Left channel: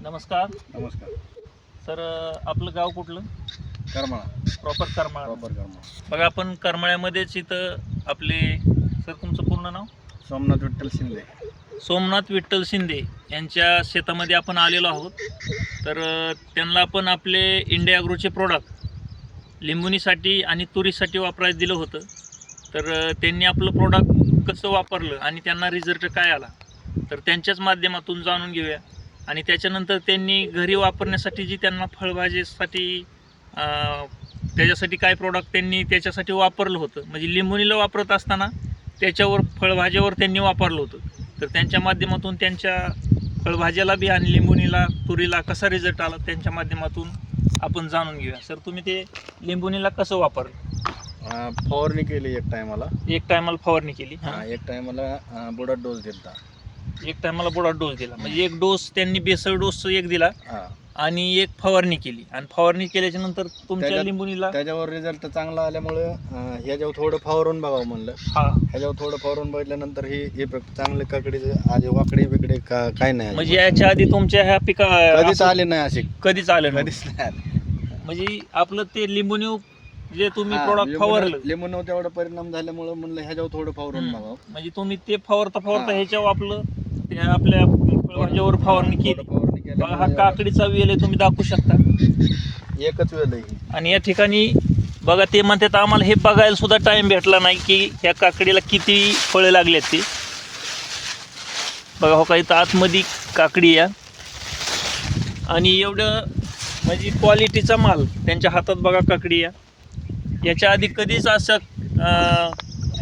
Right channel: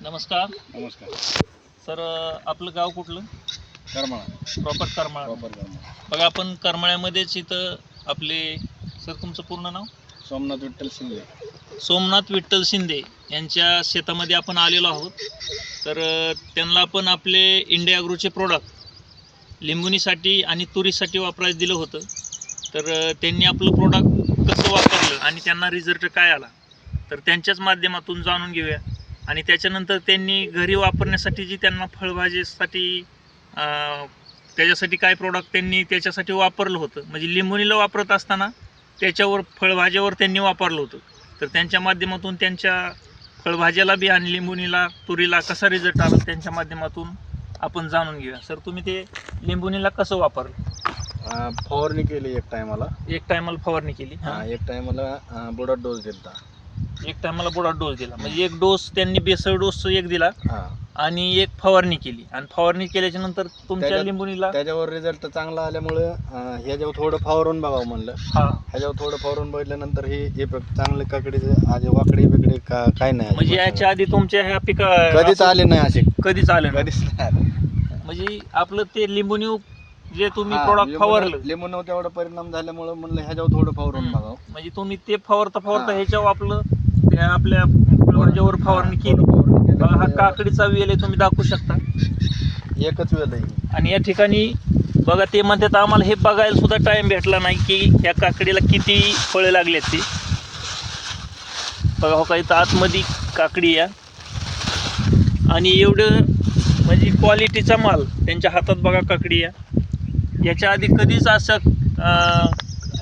नमस्कार. नमस्कार. सर आपलं गाव कुठलं? करमाळा. प्रॉपर करमाळा. प्रॉपर करमाळा. बघा आपण करमाळ्यामध्येच इथं आपले सर तुमचं पूर्ण नाव? सोमनाथ विठ्ठल शिंदे. सोमनाथ विठ्ठल शिंदे यांच्या शेतामध्ये आपण आलेलो आहोत. तर त्यांना आपण आपले इंडिया अग्रोचे प्रोडक्ट लिंबुनीसाठी आणि तुरीसाठी वापरायला दिलं होतं. तर त्यांनी आपलं प्रोडक्ट कसं वापरलं आणि त्यांना रिझल्ट काय आला? तर त्यांच्याच माध्यमातून जाणून घेऊया. आणि त्याच्यानंतर त्यांनी घरी वापरण्यासाठी जी त्यांना फळभाजीसाठी त्याच्यासाठी काय प्रोडक्ट त्यांनी त्याच्यासाठी वापरलं होतं. म्हणजे लिंबुनीला वापरत असताना त्याच्यावर फळभाज्यावर त्यांनी वापरलं होतं. तर त्यांच्या माध्यमातून त्यांच्या फळभाज्याला बी आणि लिंबुनीला तुरीला कसा रिझल्ट आला त्यांच्या माध्यमातून आपण जाणून घेऊया. सर तुम्ही ते लिंबुनीला कसं वापरलं? फवारणी केली एक टायमाला एक टायमाला फवारणी केली. हा एक टायमाला बुडात डोस दिलता. एक टायमाला बुडा डोस दिला म्हणजे एक डोस त्यांनी बेसळ डोस एक दिला हा आणि एक फवारणी केली आणि फवारणी केल्याच्यानंतर तुमच्या त्याच्यात- लिंबुनीला त्याच्यावर रिझल्ट चांगला आल्यामुळे अं, ह्याच्यावर थोडं फवारून बघावं म्हणलं हा ह्याच्यावर थोडं फवारून बघितल्यानंतर हे हे प्रक- चांगले काकडीचे आज वाकडे बिकडे का काय नाही म्हणजे अजिबात. याच्या आधी तुमच्या ह्या पिका कधीच आले नाही असे कधीच आलं नाही. कधीच नाही आले. म्हणजे आपलं ते लिंबुनी जे तुम्ही प्रोडक्ट लिंबूनं- फवारलं लिंबूनं तेवढा परिणाम झाल्यामुळे म्हणलं ह्याच्यावर थोडं फवारून. बघावं म्हणजे तुम्ही ते फवारता फवारता. ह्याच्यावर आपलं त्या आपल्या फळभाज्यावर फवारणी हा, केली. थोडं बघा हा काकडीचा वेल आहे तुम्ही दाखवू शकता. एकच वेळ आहे. आणि या ठिकाणी बघा ते म्हणतात आम्हाला हे बघायला सुद्धा टाइम भेटला नाही की ह्या काकडीला किती फळे लागलेत ते. बघा हो काही आतमध्ये काकडी या आणि एवढं म्हणजे क्वालिटीचा माल त्यांच्या हातात बघा काकडी या याच्या आधी कधीच असं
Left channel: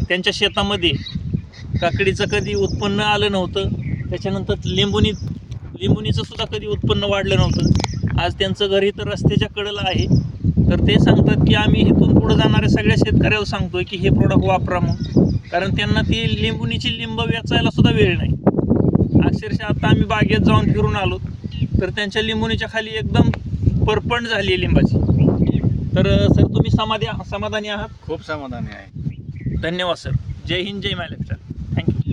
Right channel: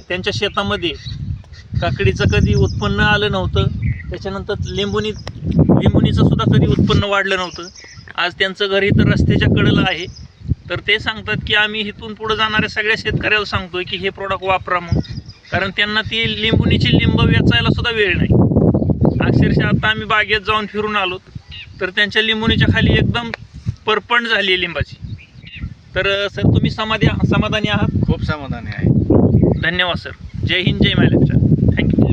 त्यांच्या शेतामध्ये काकडीचं कधी उत्पन्न आलं नव्हतं. त्याच्यानंतर लिंबुनी लिंबुनीचं सुद्धा कधी उत्पन्न वाढलं नव्हतं. आज त्यांचं घर इथं रस्त्याच्या कडेला आहे. तर ते सांगतात की आम्ही इथून पुढं जाणाऱ्या सगळ्या शेतकऱ्याला सांगतोय की हे प्रोडक्ट वापरा म्हणून. कारण त्यांना ती लिंबुनीची लिंब वेचायला सुद्धा वेळ नाही. अक्षरशः आता आम्ही बागेत जाऊन फिरून आलो. तर त्यांच्या लिंबुनीच्या खाली एकदम परपंड झाली आहे लिंबाची. तर सर तुम्ही समाधी समाधानी आहात? खूप समाधानी आहे. धन्यवाद सर. जय हिंद जय महाराष्ट्र.